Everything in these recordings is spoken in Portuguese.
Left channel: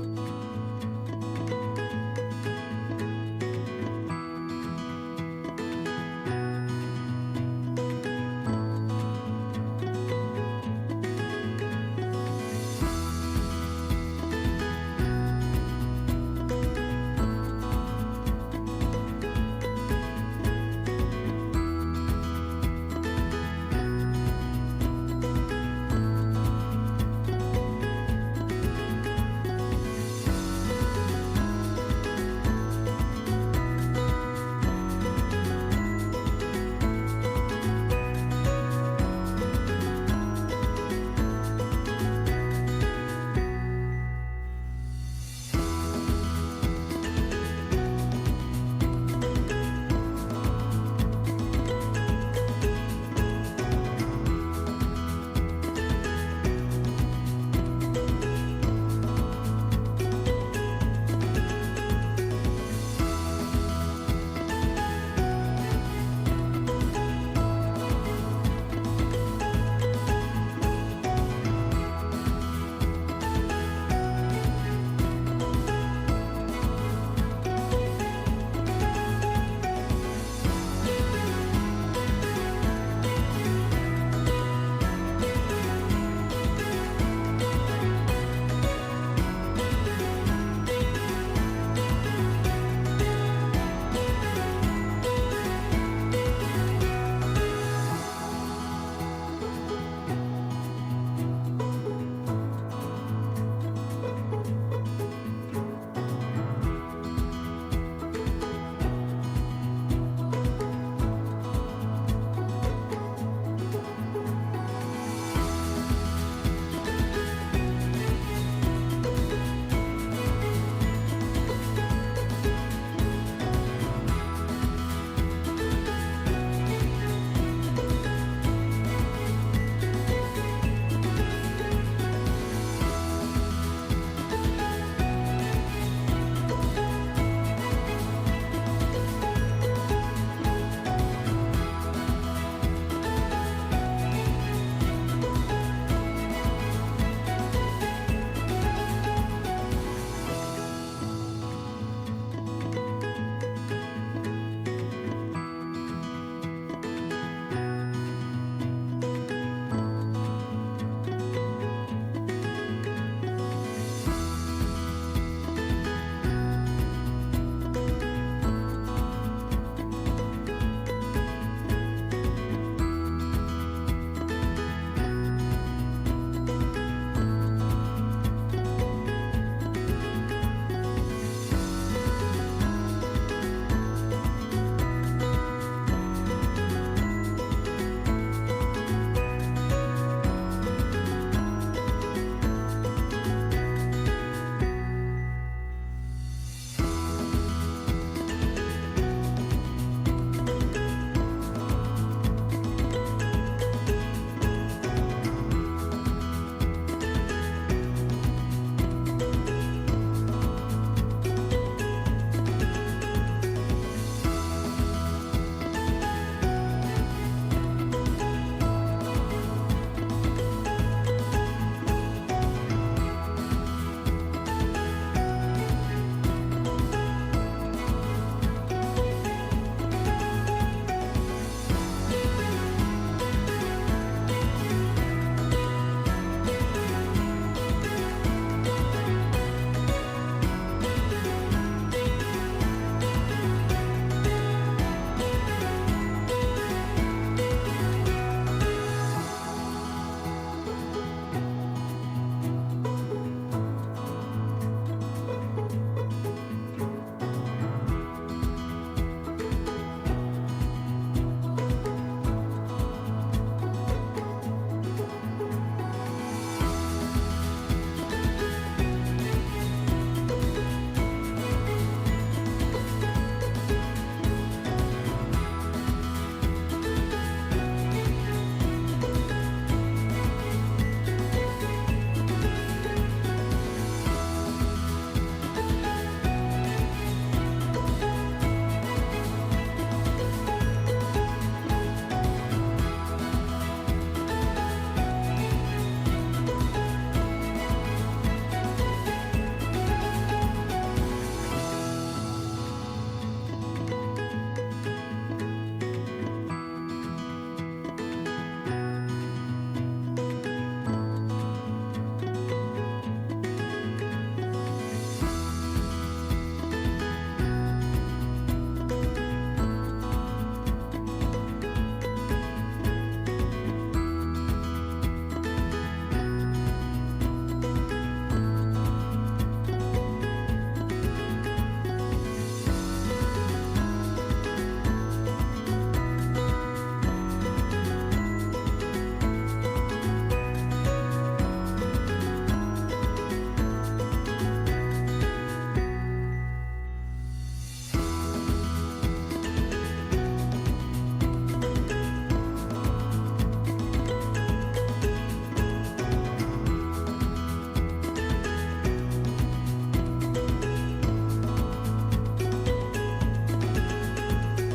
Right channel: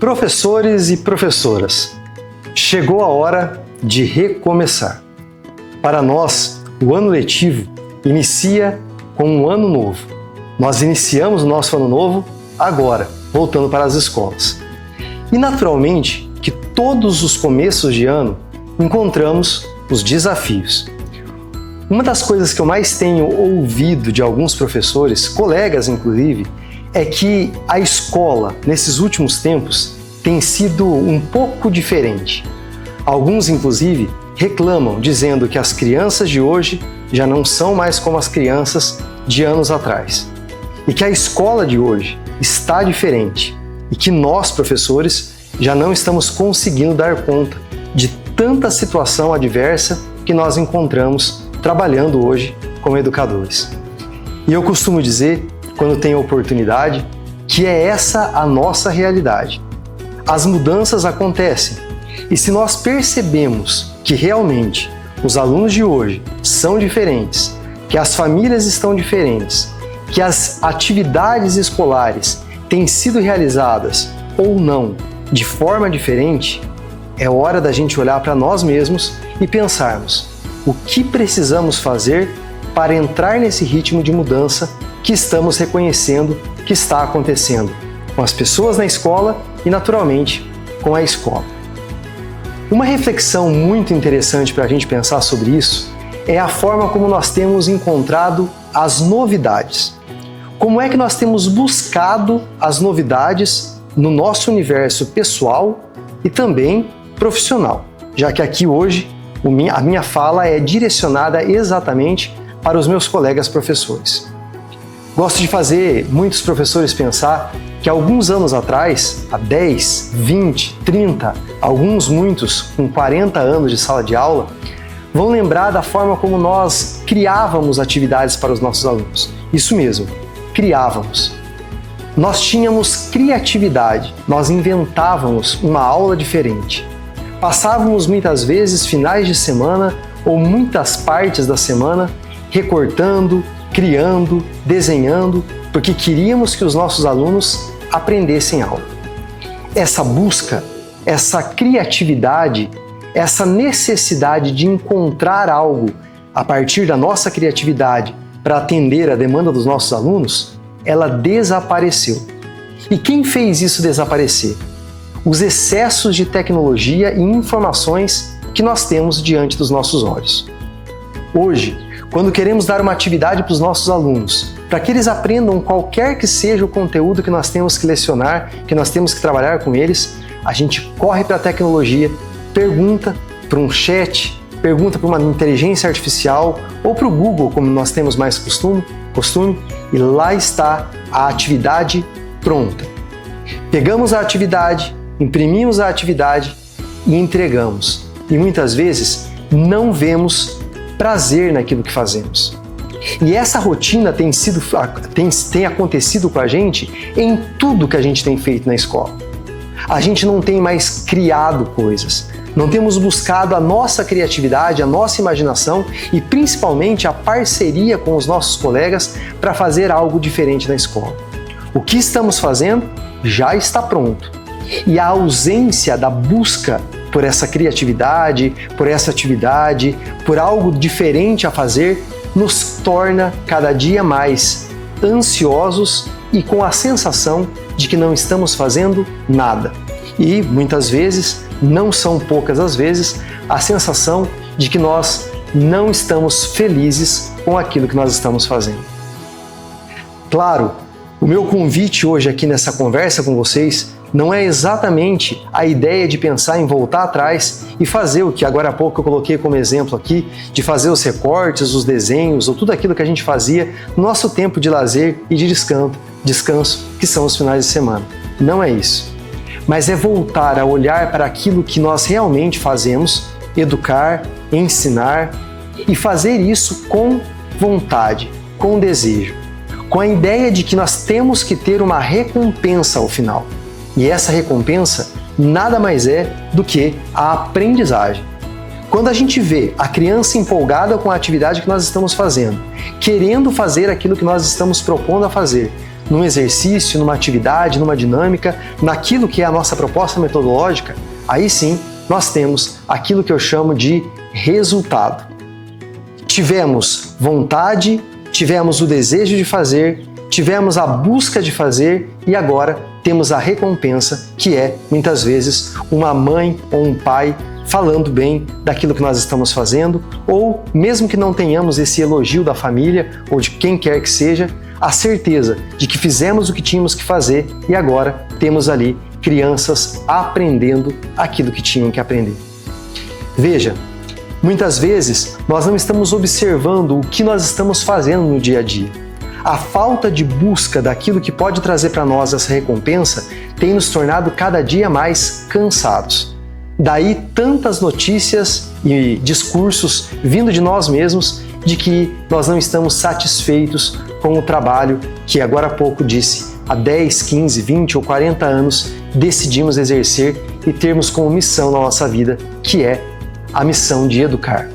Professores e professoras, chegou a hora de recomeçar. Para nós, o ano letivo inicia com um ano novo. Nós iniciamos o nosso ano novo agora, voltando para as escolas. E naturalmente que todos os começos de ano encontramos os desafios. Uma das coisas que eu mais tenho ouvido de alguns professores, colegas inclusive, é que a escola, nesses últimos tempos, tem sido um pouco diferente. Alguns, inclusive, reclamam, dizendo que as crianças de hoje já não são mais como as crianças de anos atrás. E que a escola de hoje está diferente. E que nós, professores, já não estamos conseguindo dar conta de tanta situação adversa que nós encontramos trabalhando hoje como educadores. E eu costumo dizer, quando tenho oportunidade, que é essa a nossa realidade. As mudanças acontecem e se nós percebemos que realmente os alunos de hoje são diferentes, que as famílias estão diferentes, que as atividades escolares têm sido realizadas ou não de forma diferente, é hora da gente olhar para nós mesmos e pensarmos o que precisamos fazer para entrar nesse ritmo de mudança que estamos reconhecendo que está acontecendo com as pessoas na escola e, naturalmente, com a escola. Uma reflexão muito interessante para a gente pensar sobre isso é a forma como nós temos encontrado as novidades. Como é que nós temos buscado as novidades no nosso universo pessoal e também profissional, já que aqui hoje a minha fala é direcionada exatamente para os meus colegas professores. Gosto de fazer muitos professores pensar que alguns anos atrás, há 10, 20, 30, muitos com 40 anos de sala de aula, vão lembrar da forma como nós criávamos atividades para os nossos alunos. Isso mesmo, criávamos. Nós tínhamos criatividade, nós inventávamos uma aula diferente. Passávamos muitas vezes finais de semana ou muitas partes da semana recortando, criando, desenhando, porque queríamos que os nossos alunos aprendessem algo. Essa busca, essa criatividade, essa necessidade de encontrar algo a partir da nossa criatividade para atender a demanda dos nossos alunos, ela desapareceu. E quem fez isso desaparecer? Os excessos de tecnologia e informações que nós temos diante dos nossos olhos. Hoje, quando queremos dar uma atividade para os nossos alunos, para que eles aprendam qualquer que seja o conteúdo que nós temos que lecionar, que nós temos que trabalhar com eles, a gente corre para a tecnologia, pergunta para um chat, pergunta para uma inteligência artificial ou para o Google, como nós temos mais costume, e lá está a atividade pronta. Pegamos a atividade, imprimimos a atividade e entregamos. E muitas vezes não vemos prazer naquilo que fazemos. E essa rotina tem acontecido com a gente em tudo que a gente tem feito na escola. A gente não tem mais criado coisas, não temos buscado a nossa criatividade, a nossa imaginação e principalmente a parceria com os nossos colegas para fazer algo diferente na escola. O que estamos fazendo já está pronto. E a ausência da busca por essa criatividade, por essa atividade, por algo diferente a fazer, nos torna cada dia mais ansiosos e com a sensação de que não estamos fazendo nada. E, muitas vezes, não são poucas as vezes, a sensação de que nós não estamos felizes com aquilo que nós estamos fazendo. Claro, o meu convite hoje aqui nessa conversa com vocês não é exatamente a ideia de pensar em voltar atrás e fazer o que agora há pouco eu coloquei como exemplo aqui, de fazer os recortes, os desenhos ou tudo aquilo que a gente fazia no nosso tempo de lazer e de descanso, que são os finais de semana. Não é isso. Mas é voltar a olhar para aquilo que nós realmente fazemos, educar, ensinar e fazer isso com vontade, com desejo, com a ideia de que nós temos que ter uma recompensa ao final. E essa recompensa nada mais é do que a aprendizagem. Quando a gente vê a criança empolgada com a atividade que nós estamos fazendo, querendo fazer aquilo que nós estamos propondo a fazer, num exercício, numa atividade, numa dinâmica, naquilo que é a nossa proposta metodológica, aí sim nós temos aquilo que eu chamo de resultado. Tivemos vontade, tivemos o desejo de fazer, tivemos a busca de fazer e agora temos a recompensa, que é, muitas vezes, uma mãe ou um pai falando bem daquilo que nós estamos fazendo, ou mesmo que não tenhamos esse elogio da família ou de quem quer que seja, a certeza de que fizemos o que tínhamos que fazer e agora temos ali crianças aprendendo aquilo que tinham que aprender. Veja, muitas vezes nós não estamos observando o que nós estamos fazendo no dia a dia. A falta de busca daquilo que pode trazer para nós essa recompensa tem nos tornado cada dia mais cansados. Daí tantas notícias e discursos vindo de nós mesmos de que nós não estamos satisfeitos com o trabalho que agora há pouco disse, há 10, 15, 20 ou 40 anos decidimos exercer e termos como missão na nossa vida, que é a missão de educar.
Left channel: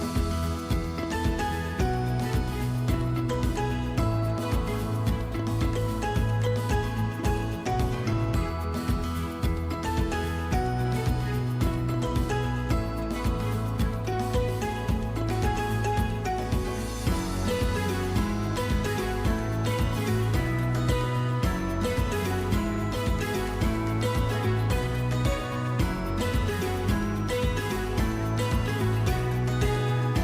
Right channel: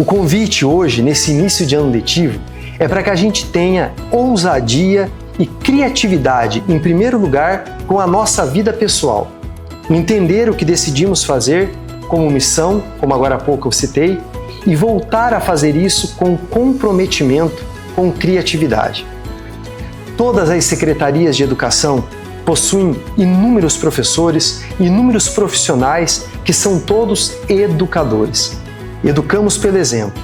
O convite hoje, nesse início de ano letivo, é para que a gente tenha ousadia e criatividade, em primeiro lugar, com a nossa vida pessoal. Entender o que decidimos fazer como missão, como agora há pouco eu citei, e voltar a fazer isso com comprometimento, com criatividade. Todas as secretarias de educação possuem inúmeros professores, inúmeros profissionais que são todos educadores. Educamos pelo exemplo.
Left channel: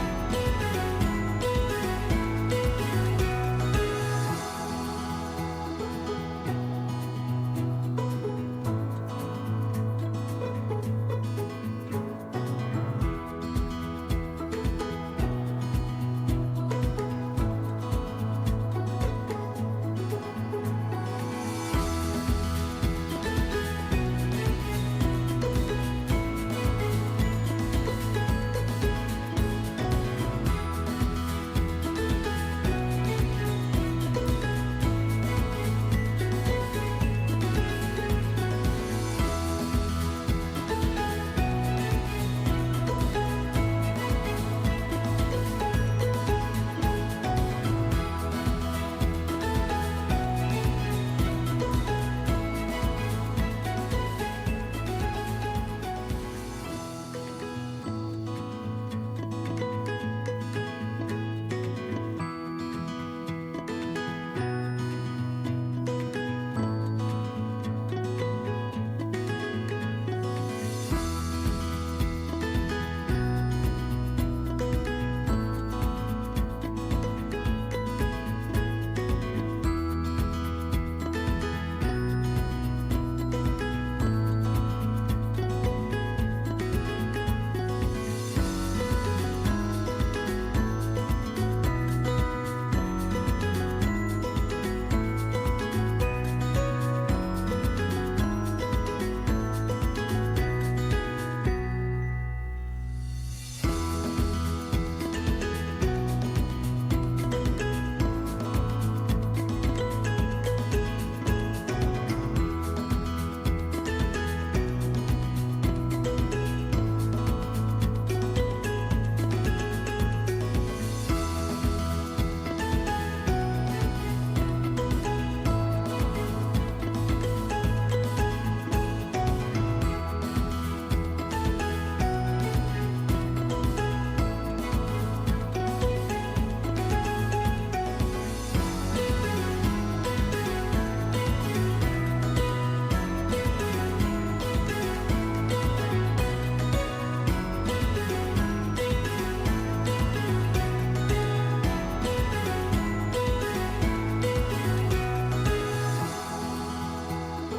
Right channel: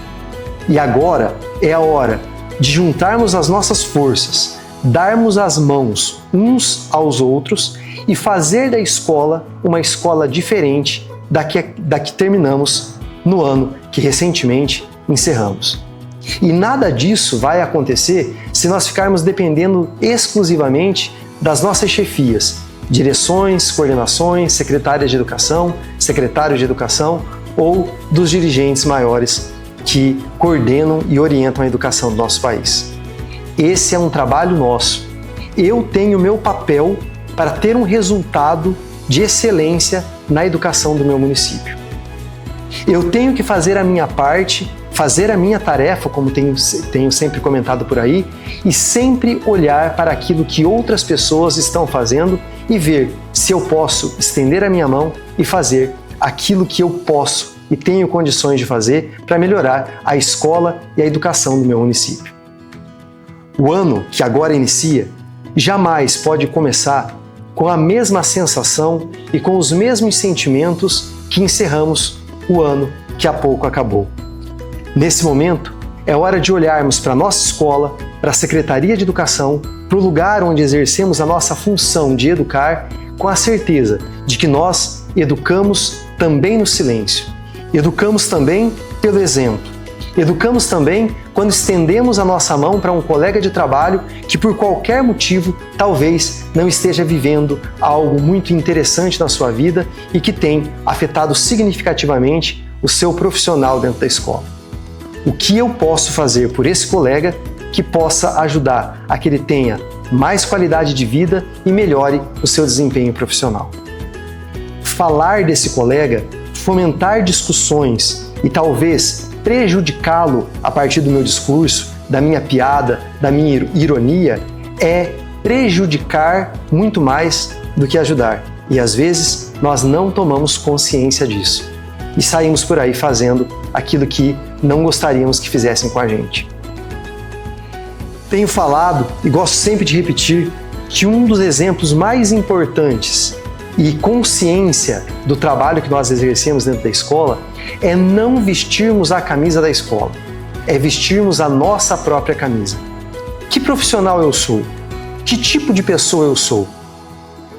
E agora é a hora de juntarmos as nossas forças, darmos as mãos uns aos outros e fazer da escola uma escola diferente da que terminamos no ano que recentemente encerramos. E nada disso vai acontecer se nós ficarmos dependendo exclusivamente das nossas chefias, direções, coordenações, secretárias de educação, secretários de educação ou dos dirigentes maiores que coordenam e orientam a educação do nosso país. Esse é um trabalho nosso. Eu tenho meu papel para ter um resultado de excelência na educação do meu município. Eu tenho que fazer a minha parte, fazer a minha tarefa, como tenho sempre comentado por aí, e sempre olhar para aquilo que outras pessoas estão fazendo e ver se eu posso estender a minha mão e fazer aquilo que eu posso e tenho condições de fazer para melhorar a escola e a educação do meu município. O ano que agora inicia jamais pode começar com a mesma sensação e com os mesmos sentimentos que encerramos o ano que há pouco acabou. Nesse momento, é hora de olharmos para a nossa escola, para a Secretaria de Educação, para o lugar onde exercemos a nossa função de educar, com a certeza de que nós educamos também no silêncio. Educamos também pelo exemplo. Educamos também quando estendemos a nossa mão para um colega de trabalho que, por qualquer motivo, talvez não esteja vivendo algo muito interessante na sua vida e que tem afetado significativamente o seu profissional dentro da escola. O que eu posso fazer por esse colega que possa ajudar a que ele tenha mais qualidade de vida e melhore o seu desempenho profissional? Falar desse colega, fomentar discussões e talvez prejudicá-lo a partir do meu discurso, da minha piada, da minha ironia, é prejudicar muito mais do que ajudar. E às vezes nós não tomamos consciência disso e saímos por aí fazendo aquilo que não gostaríamos que fizessem com a gente. Tenho falado e gosto sempre de repetir que um dos exemplos mais importantes e consciência do trabalho que nós exercemos dentro da escola é não vestirmos a camisa da escola, é vestirmos a nossa própria camisa. Que profissional eu sou? Que tipo de pessoa eu sou?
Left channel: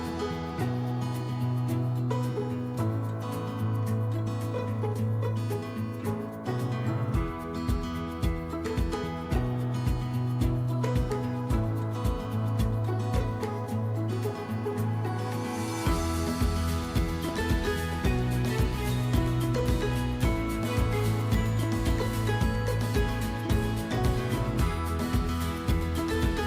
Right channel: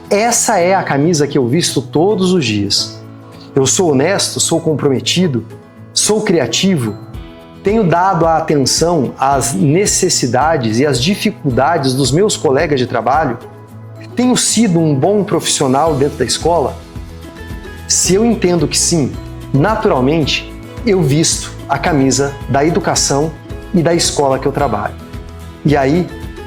Essa é a camisa que eu visto todos os dias. Eu sou honesto, sou comprometido, sou criativo, tenho dado a atenção às necessidades e às dificuldades dos meus colegas de trabalho, tenho sido um bom profissional dentro da escola? Se eu entendo que sim, naturalmente, eu visto a camisa da educação e da escola que eu trabalho. E aí,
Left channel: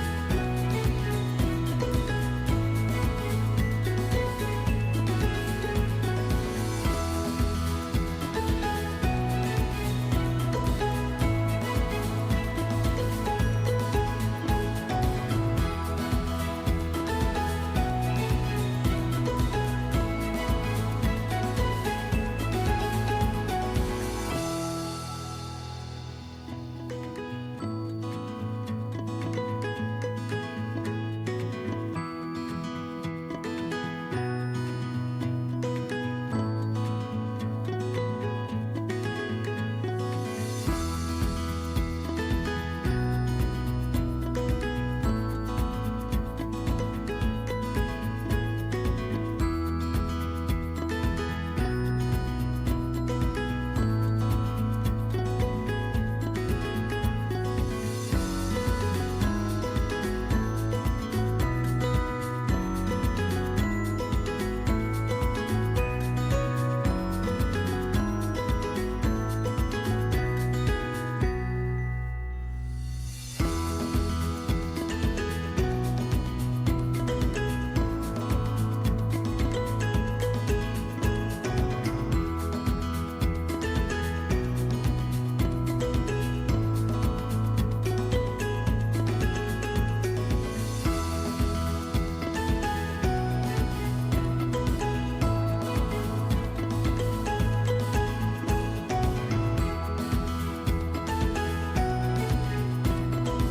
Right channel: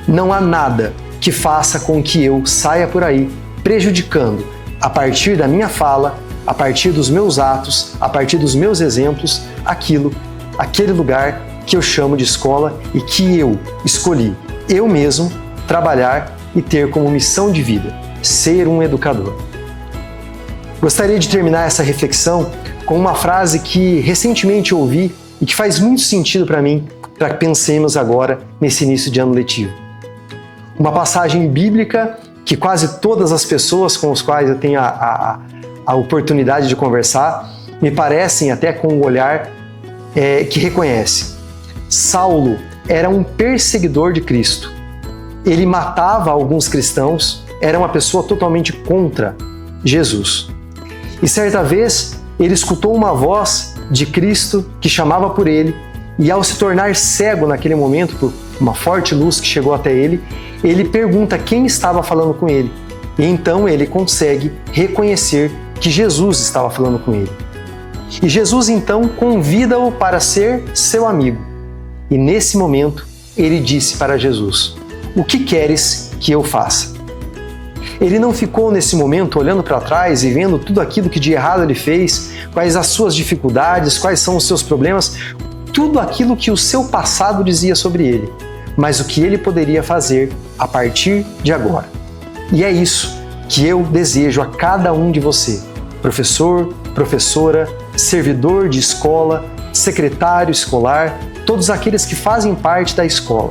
não há nada que faça com que eu saia por aí prejudicando, a partir da minha fala, a partir dos meus atos, a partir dos meus exemplos, aquele lugar que eu chamo de escola e que eu escolhi, eu mesmo, trabalhar e ter como missão de vida ser um educador. Gostaria de terminar essa reflexão com uma frase que recentemente ouvi e que faz muito sentido para mim, para que pensemos agora nesse início de ano letivo. Uma passagem bíblica que quase todas as pessoas com as quais eu tenho a oportunidade de conversar me parecem até com um olhar que reconhece. Saulo era um perseguidor de Cristo. Ele matava alguns cristãos, era uma pessoa totalmente contra Jesus. E certa vez ele escutou uma voz de Cristo que chamava por ele, e ao se tornar cego naquele momento por uma forte luz que chegou até ele, ele pergunta quem estava falando com ele. E então ele consegue reconhecer que Jesus estava falando com ele. E Jesus então convida-o para ser seu amigo. E nesse momento ele disse para Jesus: "O que queres que eu faça?" Ele não ficou nesse momento olhando para trás e vendo tudo aquilo que de errado ele fez, quais as suas dificuldades, quais são os seus problemas, tudo aquilo que o seu passado dizia sobre ele, mas o que ele poderia fazer a partir de agora. E é isso que eu desejo a cada um de você, professor, professora, servidor de escola, secretário escolar, todos aqueles que fazem parte da escola.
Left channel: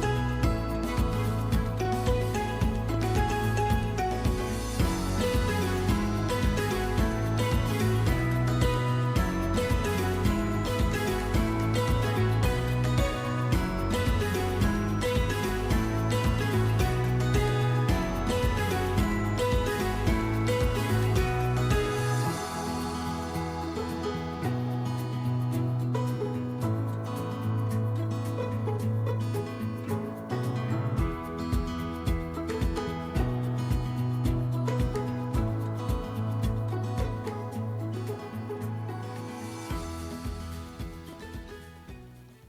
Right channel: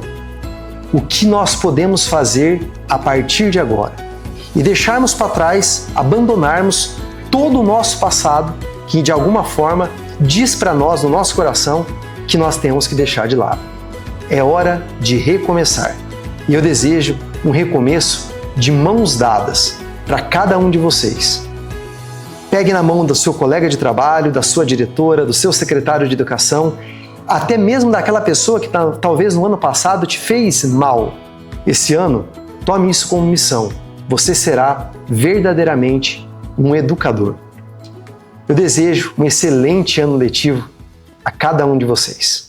O que nós podemos fazer a partir de agora? E deixarmos para trás, abandonarmos todo o nosso passado que de alguma forma diz para nós, no nosso coração, que nós temos que deixar de lado. É hora de recomeçar. E eu desejo um recomeço de mãos dadas para cada um de vocês. Pegue na mão do seu colega de trabalho, da sua diretora, do seu secretário de educação, até mesmo daquela pessoa que talvez no ano passado te fez mal. Esse ano, tome isso como missão. Você será verdadeiramente um educador. Eu desejo um excelente ano letivo a cada um de vocês.